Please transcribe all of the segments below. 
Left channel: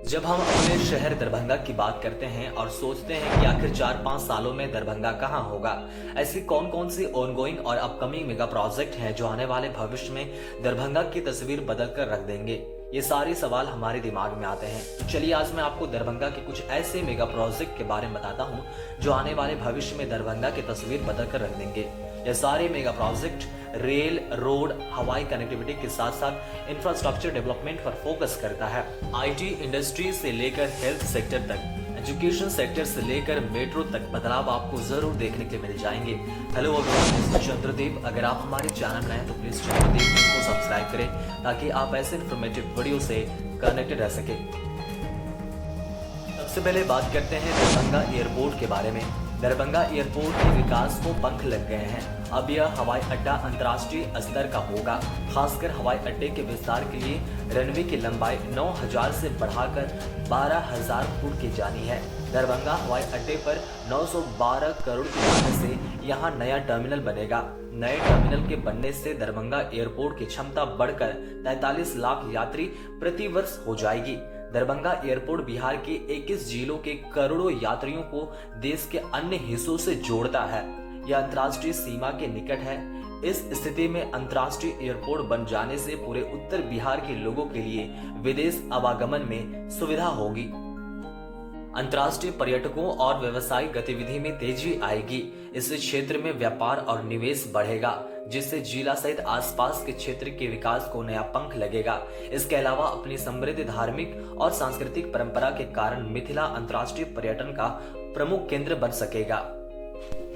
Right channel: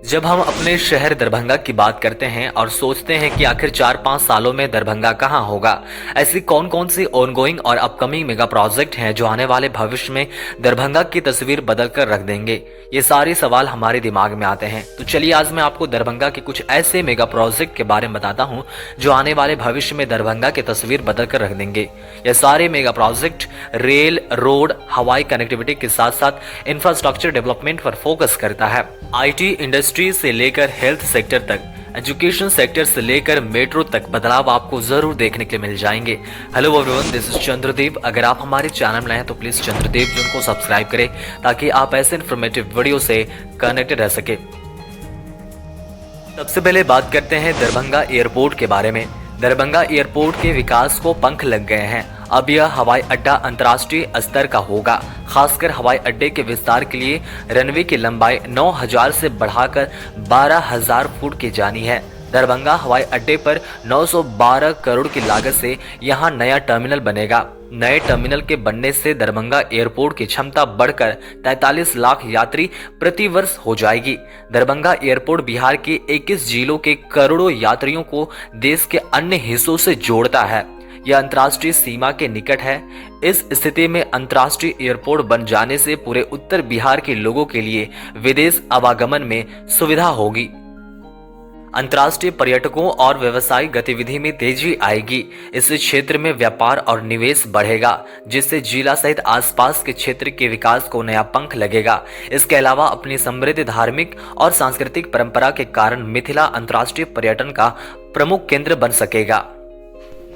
जब हम अपने शहर दरभंगा की बात करते हैं और सोचते हैं कि आखिर 4-5 सालों में दरभंगा कहाँ होगा, ऐसी कौन कौन सी ऑनगोइंग और अपकमिंग मेगा प्रोजेक्ट हैं जो आने वाले भविष्य में दरभंगा की तस्वीर बदल कर रख देंगे, ये सारे सवाल हमारे दिमाग में आते हैं। तो चलिए आज मैं आपको दरभंगा के कुछ ऐसे मेगा प्रोजेक्ट के बारे में बताता हूँ जो आने वाले भविष्य में दरभंगा की तस्वीर बदल कर रख देंगे। ये सारे मेगा प्रोजेक्ट रेल, रोड, हवाई कनेक्टिविटी के साथ साथ इंफ्रास्ट्रक्चर डेवलपमेंट पर फोकस करता है। आईटी इंडस्ट्री से लेकर हेल्थ सेक्टर तक, एजुकेशन सेक्टर से लेकर मेट्रो तक बदलाव आपको जरूर देखने के लिए मिल जाएंगे। Hello everyone, this is Chandradev. अगर आप हमारे चैनल में हैं तो प्लीज चंद्रदेव जी को सब्सक्राइब करें ताकि आप ऐसे इन्फॉर्मेटिव वीडियो से कनेक्टेड रह सके। सबसे पहले बात करते हैं दरभंगा एयरपोर्ट के बारे में। दरभंगा एयरपोर्ट के विकास को पंख लग गए हैं। अब यह हवाई अड्डा अंतर्राष्ट्रीय स्तर का होगा। खासकर हवाई अड्डे के विस्तार के लिए रनवे की लंबाई 9000 से बढ़ाकर 12000 फुट की जानी है। दरभंगा हवाई अड्डे पर 912 करोड़ की लागत से यहां नया टर्मिनल बनेगा। नए टर्मिनल के बनने से दरभंगा एयरपोर्ट की क्षमता बढ़कर 43 लाख यात्री प्रति वर्ष हो जाएगी। दरभंगा एयरपोर्ट बिहार के 21 जिलों के करोड़ों यात्रियों को देश के अन्य हिस्सों से जोड़ता है। यह अंतर्राष्ट्रीय सीमा के निकट है। इस स्थिति में अंतर्राष्ट्रीय एयरपोर्ट बन जाने से पूरे उत्तर बिहार के लोगों के लिए विदेश आवागमन में सुविधा होगी। अंतर्राष्ट्रीय पर्यटकों और व्यावसायिक गतिविधि में तेजी आएगी। इससे क्षेत्र में व्यापार और निवेश बढ़ेगा, जिससे जिला सहित आसपास के क्षेत्र के विकास को नया पंख लगेगा। इसके अलावा अपनी समृद्ध धार्मिक और सांस्कृतिक परंपरा के कारण मिथिला अंतर्राष्ट्रीय पर्यटन का प्रमुख केंद्र बन सकेगा।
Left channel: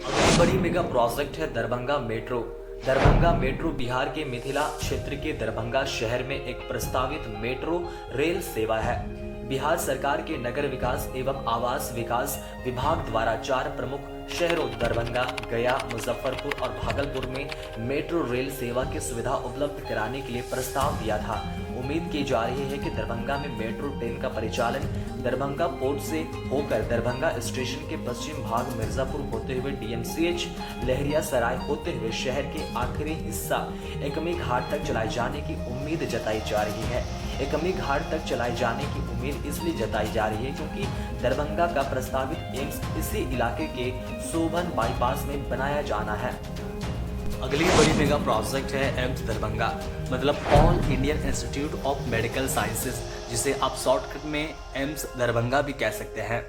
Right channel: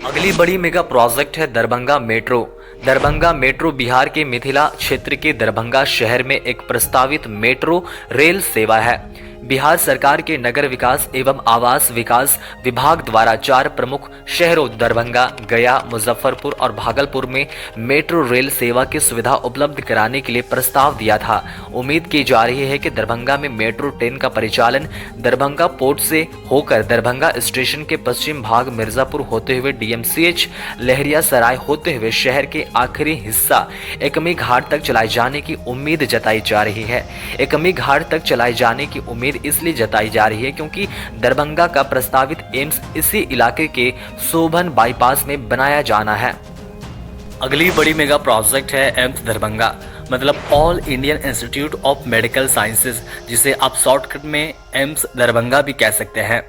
अगली बड़ी मेगा प्रोजेक्ट है दरभंगा मेट्रो। दरभंगा मेट्रो बिहार के मिथिला क्षेत्र के दरभंगा शहर में एक प्रस्तावित मेट्रो रेल सेवा है। बिहार सरकार के नगर विकास एवं आवास विकास विभाग द्वारा 4 प्रमुख शहरों दरभंगा, गया, मुजफ्फरपुर और भागलपुर में मेट्रो रेल सेवा की सुविधा उपलब्ध कराने के लिए प्रस्ताव दिया था। उम्मीद की जा रही है कि दरभंगा में मेट्रो ट्रेन का परिचालन दरभंगा पोर्ट से होकर दरभंगा स्टेशन के पश्चिम भाग मिर्जापुर होते हुए डीएमसीएच लहरिया सराय होते हुए शहर के आखिरी हिस्सा एकमी घाट तक चलाए जाने की उम्मीद जताई जा रही है। एकमी घाट तक चलाए जाने की उम्मीद इसलिए जताई जा रही है क्योंकि दरभंगा का प्रस्तावित एम्स इसी इलाके के सोबन बाईपास में बनाया जाना है। अगली बड़ी मेगा प्रोजेक्ट है एम्स दरभंगा, मतलब all Indian institute of medical sciences, जिसे आप शॉर्टकट में एम्स दरभंगा भी कह सकते हैं।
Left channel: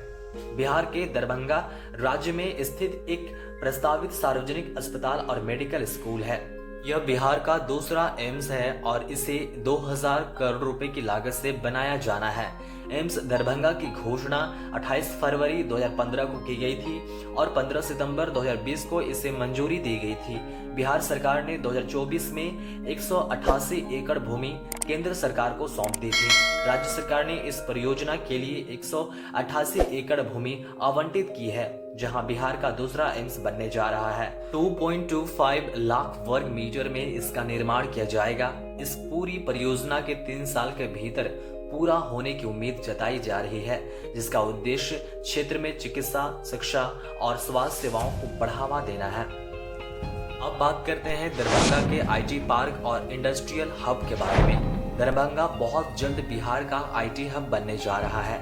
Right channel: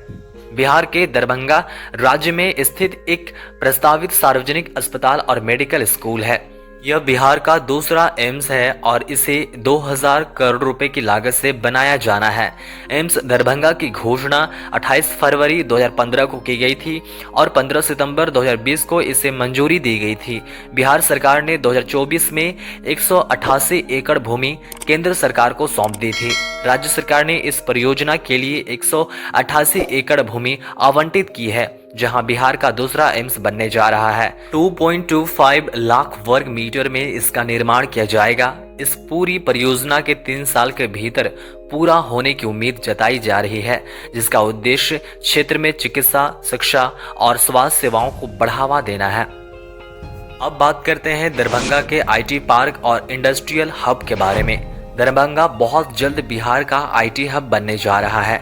बिहार के दरभंगा राज्य में स्थित एक प्रस्तावित सार्वजनिक अस्पताल और मेडिकल स्कूल है। यह बिहार का दूसरा एम्स है और इसे 2000 करोड़ रुपए की लागत से बनाया जाना है। एम्स दरभंगा की घोषणा 28 फरवरी 2015 को की गई थी और 15 सितंबर 2020 को इसे मंजूरी दी गई थी। बिहार सरकार ने 2024 में 188 एकड़ भूमि केंद्र सरकार को सौंप दी थी। राज्य सरकार ने इस परियोजना के लिए 188 एकड़ भूमि आवंटित की है, जहां बिहार का दूसरा एम्स बनने जा रहा है। 2.25 लाख वर्ग मीटर में इसका निर्माण किया जाएगा। इस पूरी परियोजना के 3 साल के भीतर पूरा होने की उम्मीद जताई जा रही है, जिसका उद्देश्य क्षेत्र में चिकित्सा, शिक्षा और स्वास्थ्य सेवाओं को बढ़ावा देना है। अब बात करते हैं दरभंगा के आईटी पार्क और इंडस्ट्रियल हब के बारे में। दरभंगा बहुत जल्द बिहार का आईटी हब बनने जा रहा है।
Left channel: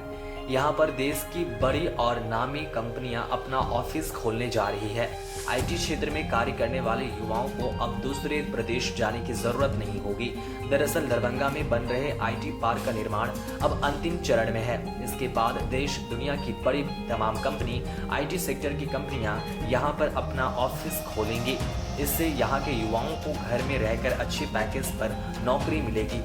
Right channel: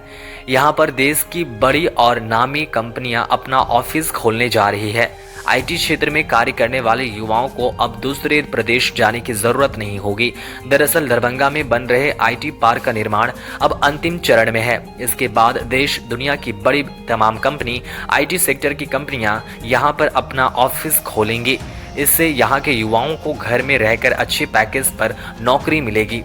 यहाँ पर देश की बड़ी और नामी कंपनियां अपना ऑफिस खोलने जा रही है। आईटी क्षेत्र में कार्य करने वाले युवाओं को अब दूसरे प्रदेश जाने की जरूरत नहीं होगी। दरअसल दरभंगा में बन रहे आईटी पार्क का निर्माण अब अंतिम चरण में है। इसके बाद देश दुनिया की बड़ी तमाम कंपनी, आईटी सेक्टर की कंपनियां यहाँ पर अपना ऑफिस खोलेंगी। इससे यहाँ के युवाओं को घर में रहकर अच्छे पैकेज पर नौकरी मिलेगी।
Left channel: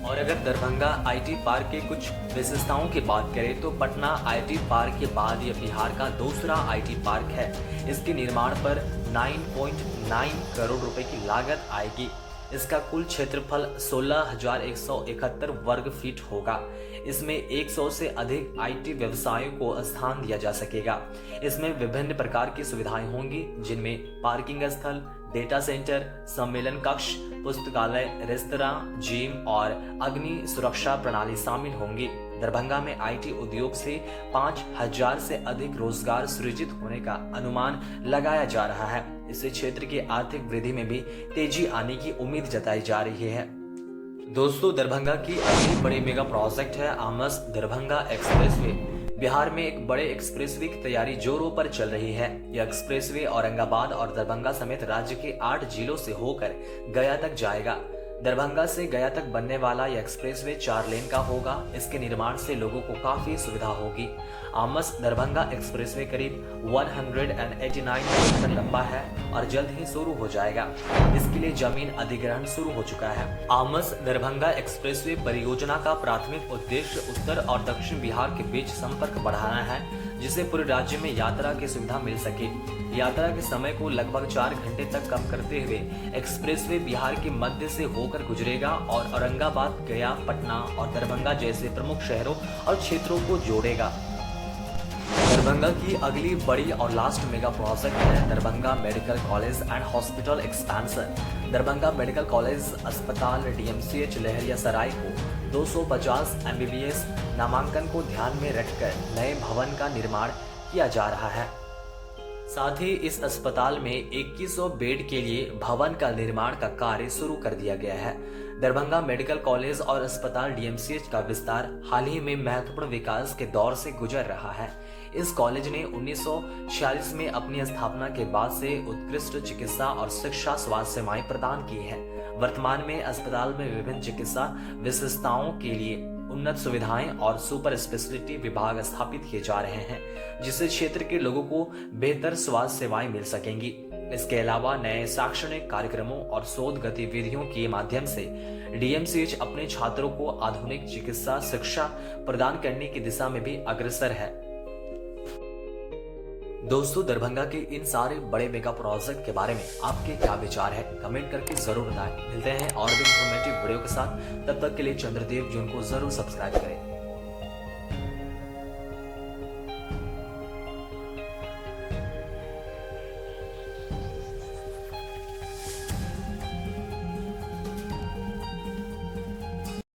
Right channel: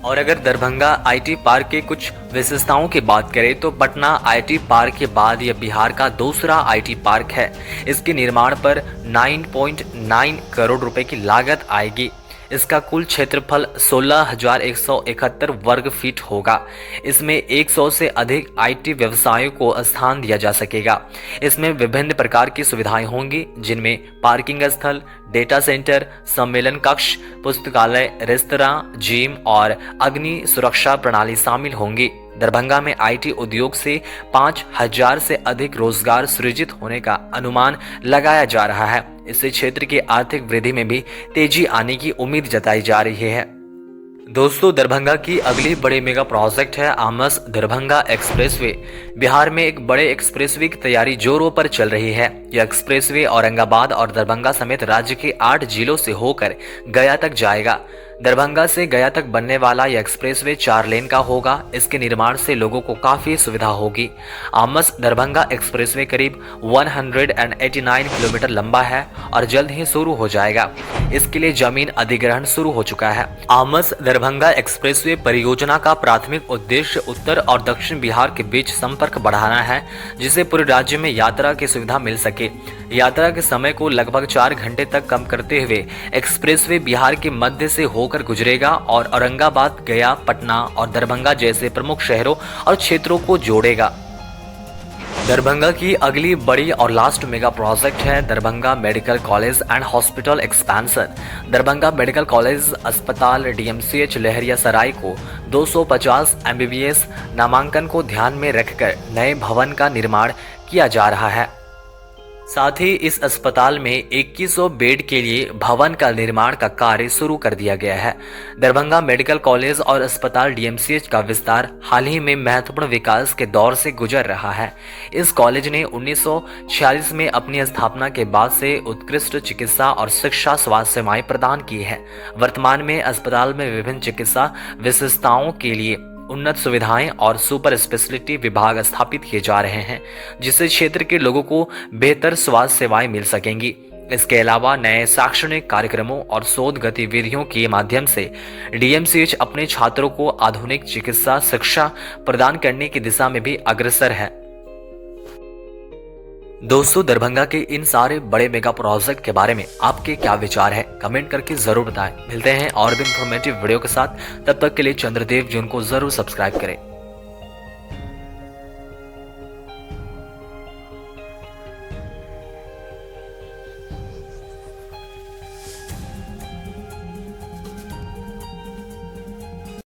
और अगर दरभंगा आईटी पार्क के कुछ विशेषताओं की बात करें तो पटना आईटी पार्क के बाद यह बिहार का दूसरा आईटी पार्क है। इसके निर्माण पर 9.9 करोड़ रुपए की लागत आएगी। इसका कुल क्षेत्रफल 16,171 वर्ग फीट होगा। इसमें 100 से अधिक आईटी व्यवसायों को स्थान दिया जा सकेगा। इसमें विभिन्न प्रकार की सुविधाएं होंगी, जिनमें पार्किंग स्थल, डेटा सेंटर, सम्मेलन कक्ष, पुस्तकालय, रेस्तरां, जिम और अग्नि सुरक्षा प्रणाली शामिल होंगी। दरभंगा में आईटी उद्योग से 5000 से अधिक रोजगार सृजित होने का अनुमान लगाया जा रहा है। इससे क्षेत्र की आर्थिक वृद्धि में भी तेजी आने की उम्मीद जताई जा रही है। दोस्तों, दरभंगा की अगली बड़ी मेगा प्रोजेक्ट है आमस दरभंगा एक्सप्रेसवे। बिहार में एक बड़े एक्सप्रेसवे की तैयारी जोरों पर चल रही है। यह एक्सप्रेसवे औरंगाबाद और दरभंगा समेत राज्य के 8 जिलों से होकर गया तक जाएगा। दरभंगा से गया तक बनने वाला यह एक्सप्रेसवे 4 लेन का होगा। इसके निर्माण से लोगों को काफी सुविधा होगी। आमस दरभंगा एक्सप्रेसवे करीब 189 किलोमीटर लंबा है और जल्द ही शुरू हो जाएगा। इसके लिए जमीन अधिग्रहण शुरू हो चुका है। आमस दरभंगा एक्सप्रेसवे परियोजना का प्राथमिक उद्देश्य उत्तर और दक्षिण बिहार के बीच संपर्क बढ़ाना है, जिससे पूरे राज्य में यात्रा की सुविधा मिल सके। यात्रा के समय को लगभग 4 घंटे तक कम करते हुए एक्सप्रेसवे बिहार के मध्य से होकर गुजरेगा और औरंगाबाद, गया, पटना और दरभंगा जैसे प्रमुख शहरों और क्षेत्रों को जोड़ेगा। दरभंगा की अगली बड़ी और लास्ट मेगा प्रोजेक्ट है Darbhanga medical college and hospital expansion. Darbhanga medical college अस्पताल डीएमसीएच लहरियासराय को 250 एमबीबीएस नामांकन को ध्यान में रखकर नए भवन का निर्माण किया जा रहा है। साथ ही इस अस्पताल में 2100 बेड के लिए भवन का निर्माण का कार्य शुरू कर दिया गया है। दरभंगा मेडिकल कॉलेज और अस्पताल डीएमसीएच का विस्तार हाल ही में महत्वपूर्ण विकास के दौर से गुजर रहा है। इस कॉलेज ने 1946 में अपनी स्थापना के बाद से उत्कृष्ट चिकित्सा और शिक्षा स्वास्थ्य सेवाएं प्रदान की है। वर्तमान में अस्पताल में विभिन्न चिकित्सा विशेषताओं के लिए उन्नत सुविधाएं और सुपर स्पेशलिटी विभाग स्थापित किए जा रहे हैं, जिससे क्षेत्र के लोगों को बेहतर स्वास्थ्य सेवाएं मिल सकेंगी। इसके अलावा नए शैक्षणिक कार्यक्रमों और शोध गतिविधियों के माध्यम से डीएमसीएच अपने छात्रों को आधुनिक चिकित्सा शिक्षा प्रदान करने की दिशा में भी अग्रसर है। दोस्तों, दरभंगा के इन सारे बड़े मेगा प्रोजेक्ट के बारे में आपके क्या विचार है, कमेंट करके जरूर बताएं। मिलते हैं और भी इंफॉर्मेटिव वीडियो के साथ। तब तक के लिए चंद्रदेव जी उनको जरूर सब्सक्राइब करें।